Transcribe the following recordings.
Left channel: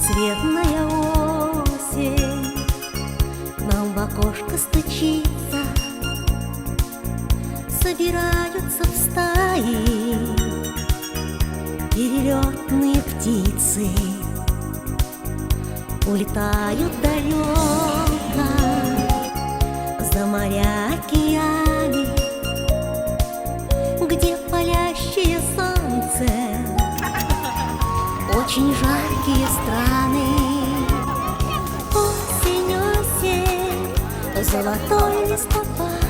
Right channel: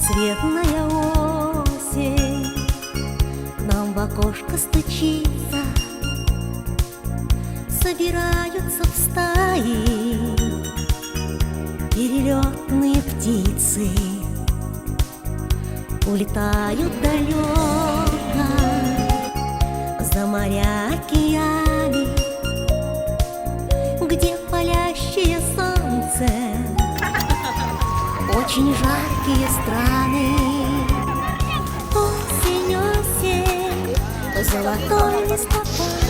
Разноцветная осень нам в окошко стучится, собираются в стаи перелетные птицы, улетают далеко за моря, океаны, где палящее солнце, очень жаркие страны. Осень, осень, золотой листопад.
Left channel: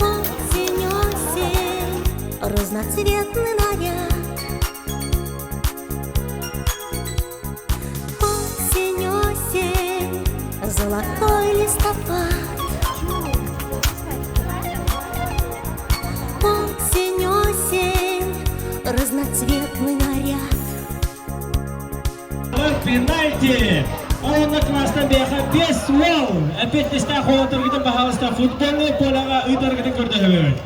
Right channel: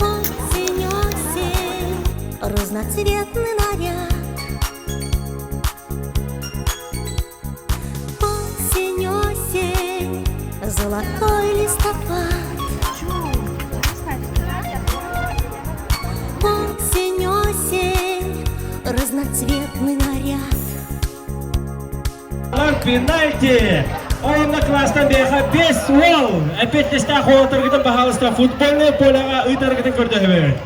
Осень, осень, разноцветный наряд. Осень, осень, золотой листопад. Осень, осень, разноцветный наряд. Пенальти! Онна класстан беха 5 гол. Опять листа холотыргытын бахалыста футбольный поляга ыйтаргытын көрдөһөбөт.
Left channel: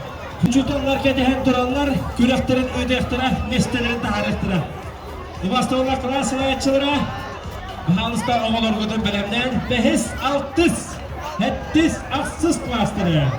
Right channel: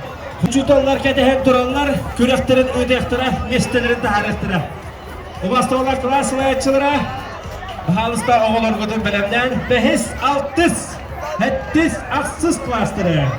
Учуталлар кетеһен тураллар, күрәхтерин ыйтыктыра, местелерин тахарыктыра. Убастолар класслаячылара бахалыста оголоргутун белемнен 5-6 хеттис аксыз класстыры.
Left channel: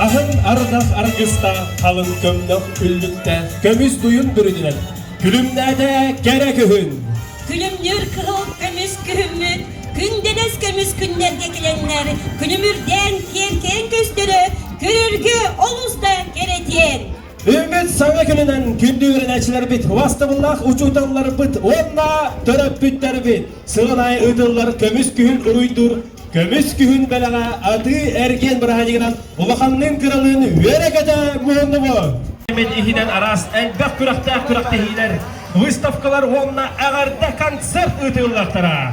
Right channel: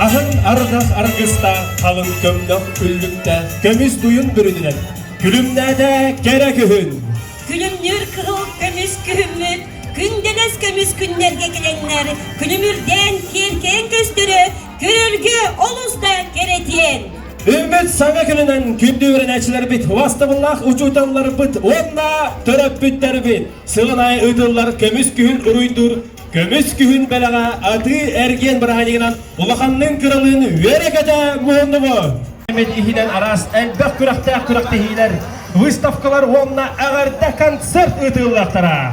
Ahın arıdak argısta, kalın kömnök üllükte, kömüz duyun bürüdülen, külümnede gerek ühün. Külümnür kıhıl kömüz kühümüt, gündenes kömüz günlerge gelenler, külümürden kerken köstürü, görürgü oluzda geretiyen. Ümmet sana külünen kündü öğreneciler bit, vastıbıllah uçutanlar bit, onunla töröp bütler bit, sığınay ıdıllar kömüz kühün uruydur. Kömüz kühün belaga adı ergen bırağınıgınan ulaqanның kralını verekete muğundu bu. Mehmet ihiden aras elbek kürakta hiler, выставкалар onunla ağarda konцерт ıdıllartara.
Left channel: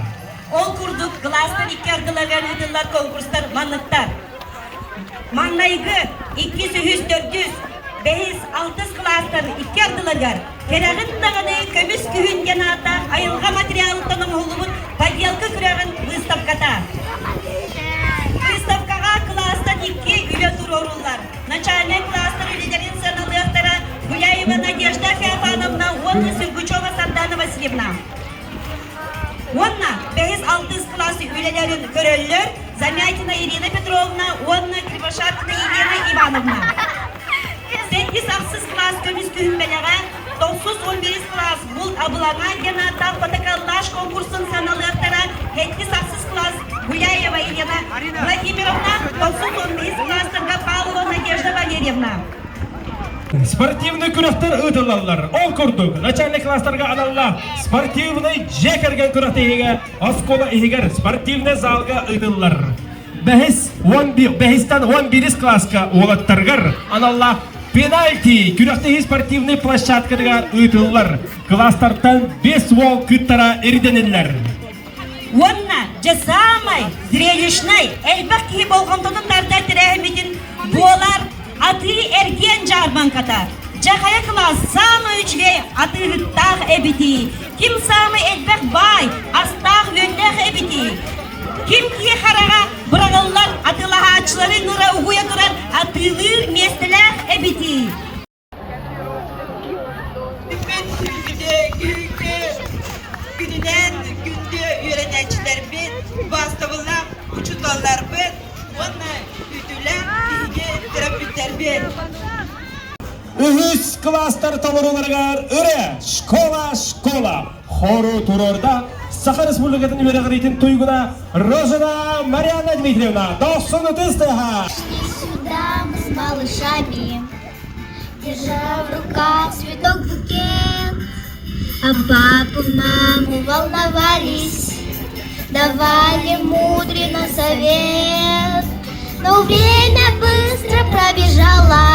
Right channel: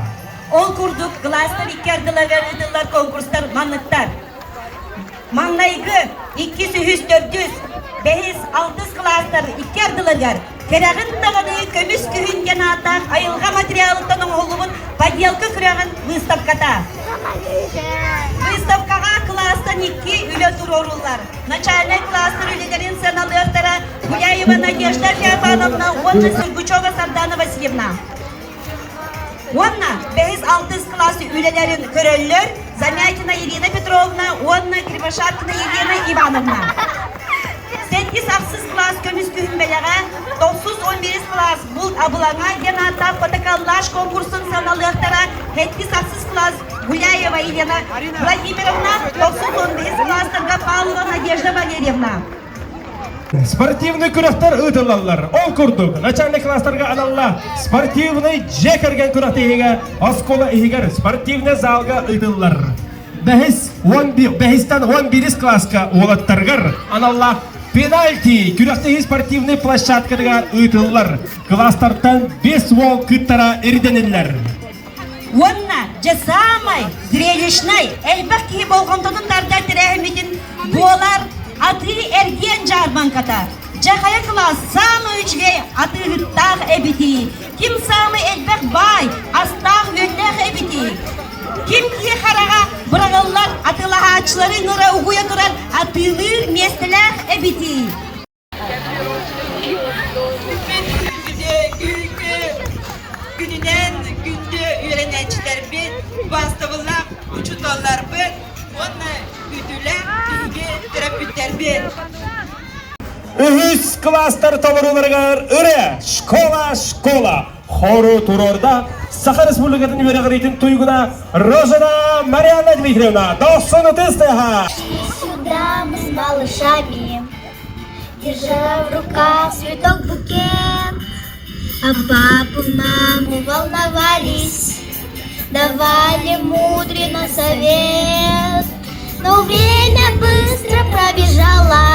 Ol kurduk, klaslar ikkardılagar ıdıllar konkurslar manlıktar. Manlayıgı 200, 400, 5-6 klaslar ikkardılagar. Kerağın dağını kömüz kühün genata ayılga materialından oğlubun padyalkı kırağın выставката. Выставкаға класстан 2 үлі тұрорулар. Начальный класстар үлелерін сыналықтара Гуляева Надежда Феофановна, онна Сыргучева Сардана Васильевна. Онна 5-6 классы үлелерін көрөллер Замятина Ирина Петровна, онна Кривошапкина Елена Ивановна. 8-6 класс көміз күн белеға 9-11 класс бұл абылаңа гената протоколлаш конкурсын саналықтара 7-6 класс Гуляева Елена Владимировна, 9-11 класстарға Павлова Надежда Валерьевна. Спортивный күрәхтер ыдылалар, ол күрдік. Начальный класстарға аналла спортивный жекерген күрәхті егер, оскола егер спортивный залға ыдылар. Бәхістен 11 класска олаттарғар аналла пенальти күрәхті спортивный площадкадыға ыдылар. Класстардан 5 ол күттара эрденелер. Онна же самай зрелищный әлбәкки болғандығын дарда тірәхіметін болар аты эрген жарбан ката. Жахая класс самый үчге аты ғыттақ әбіті. Ким самый әлбәк бай астақ өндәқ әбіті. Ким кие хараға бұрағалар атылаға ачылары нұра ұғуя тұрар атылыр местіләқ әбіті. Gününden günde öğreneciler bir, vasıtalılar, uçutallar bir, onunla güdüler, bilgi, terapütler bir. Ühüs klaslar tolurlargar öre, şkola. Хору турорда Саха Республикатын верегритин туйгуна Розана Марьяна Дмитриевна. Доссону тестеха. Шли сюда мы с малышами, держа в руках цветок букет. А папа, мамы волновались, давали мудрый совет. Но время быстро пробежало,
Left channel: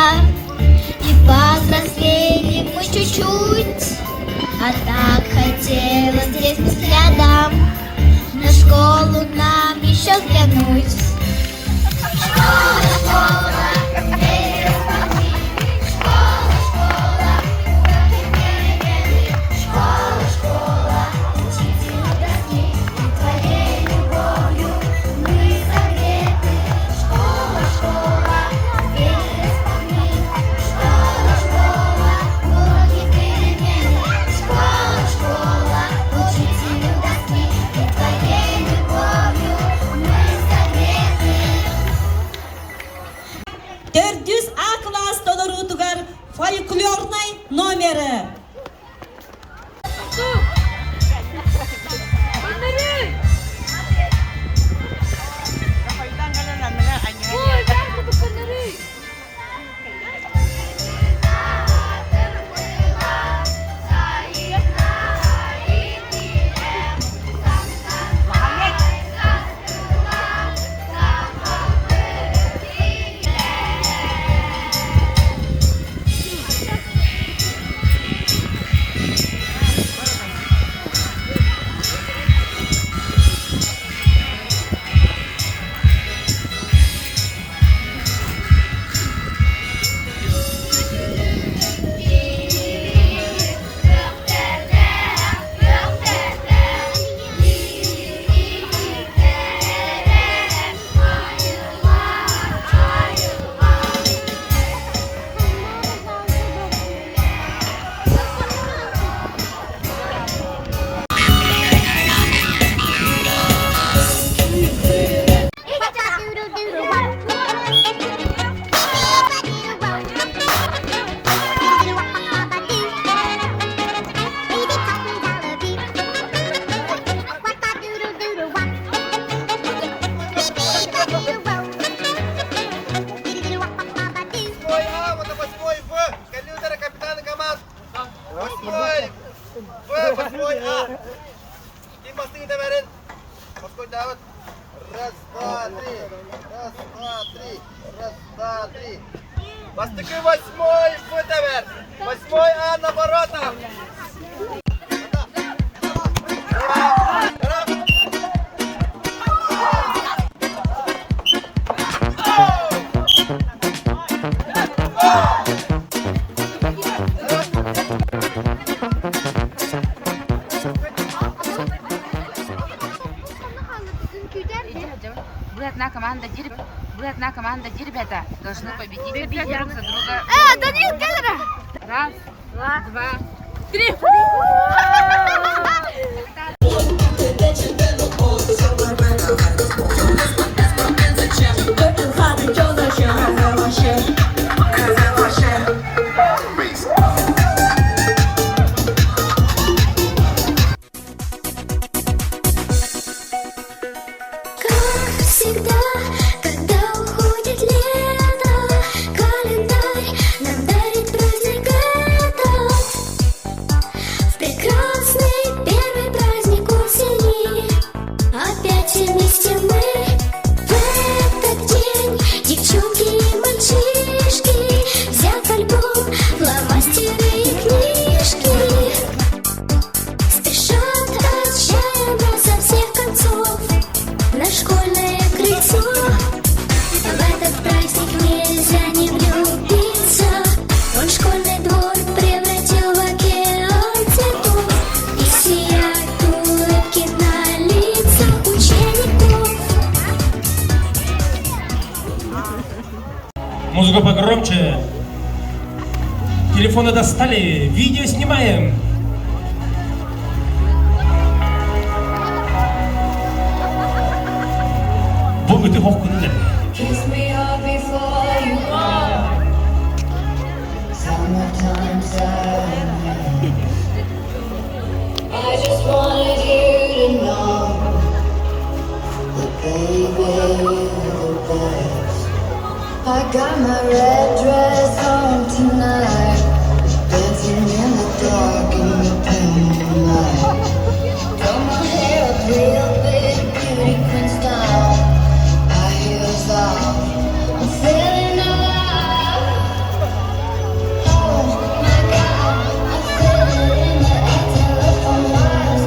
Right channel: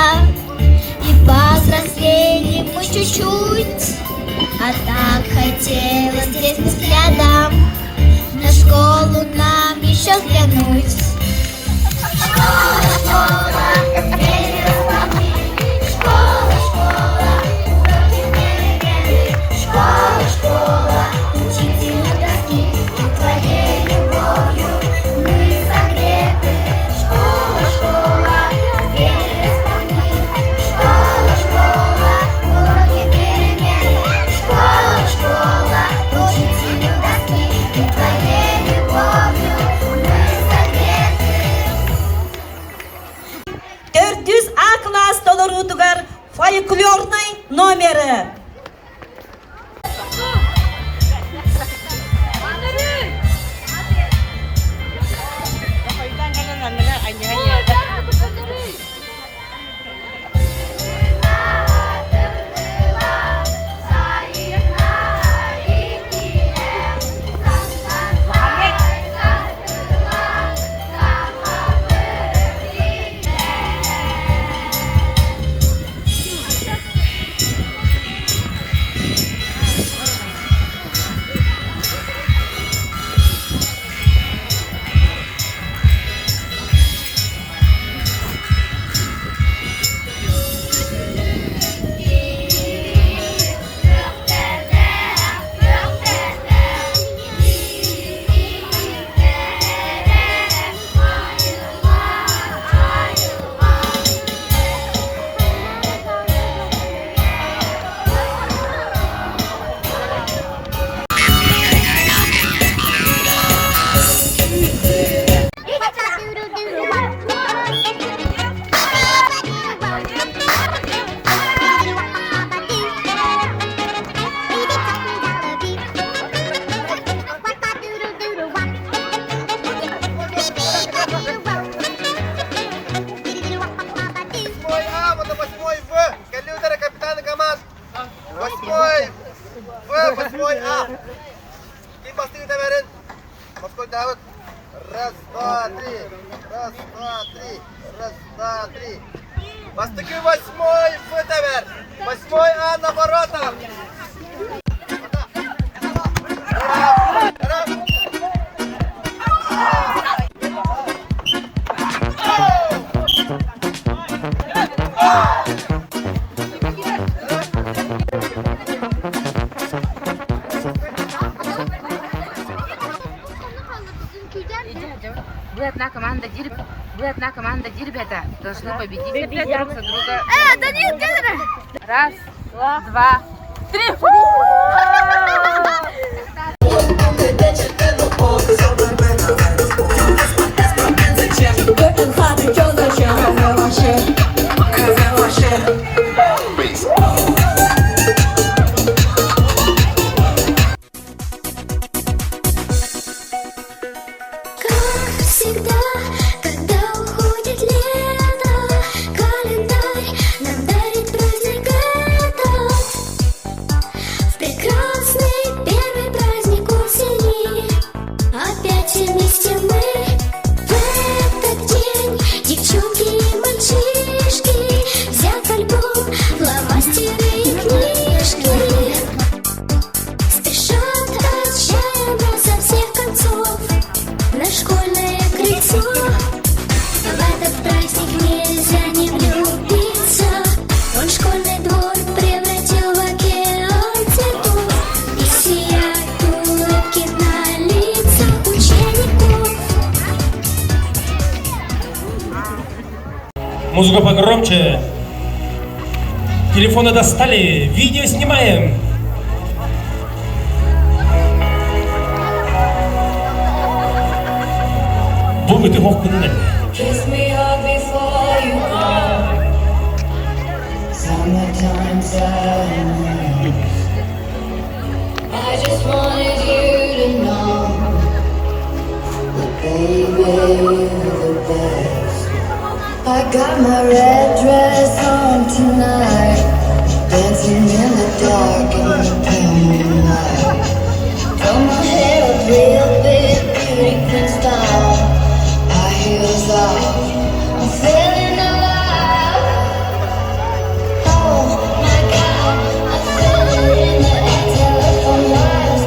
и повзрослели мы чуть-чуть. А так хотелось здесь взглядом на школу нам еще взглянуть. Школа, номері. Восьмой А. Ким бастыгы тәбәрін? Морской Давыд. Раз, два, три. Раз, два, три. Раз, два, три. Бастыгы восьмой В тәбәр. Восьмой А на воротах. Вы одна команда Дербята должны победить опять друг за друга. Раз, два, три. Музыка погромче. Телефоны достали. Видео снимаем. Бубы ты мог куда? Got my red dress on tonight, dancing in the dark in the pink light. From my hair up real big, beauty queen style, high heels off, I'm feeling alive. Oh my God, I'm feeling in the telephone wires.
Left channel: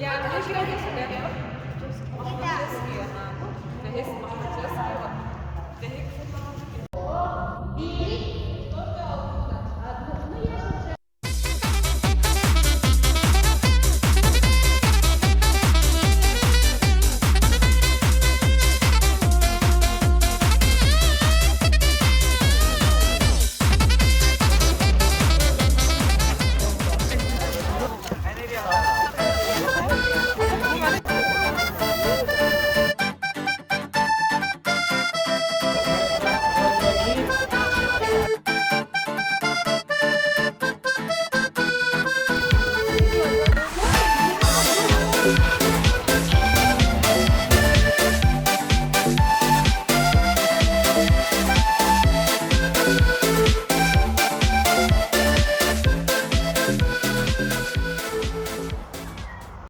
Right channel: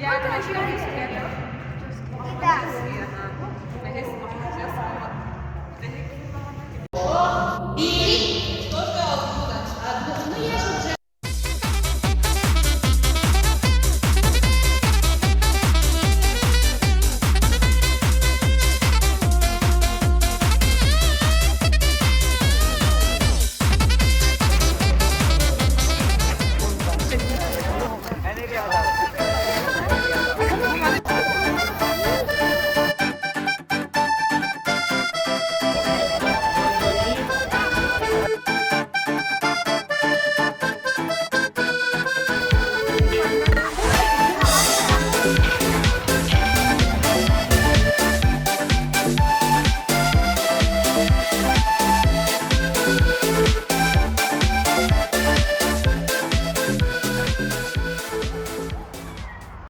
Yeah, I can do this together. Kita.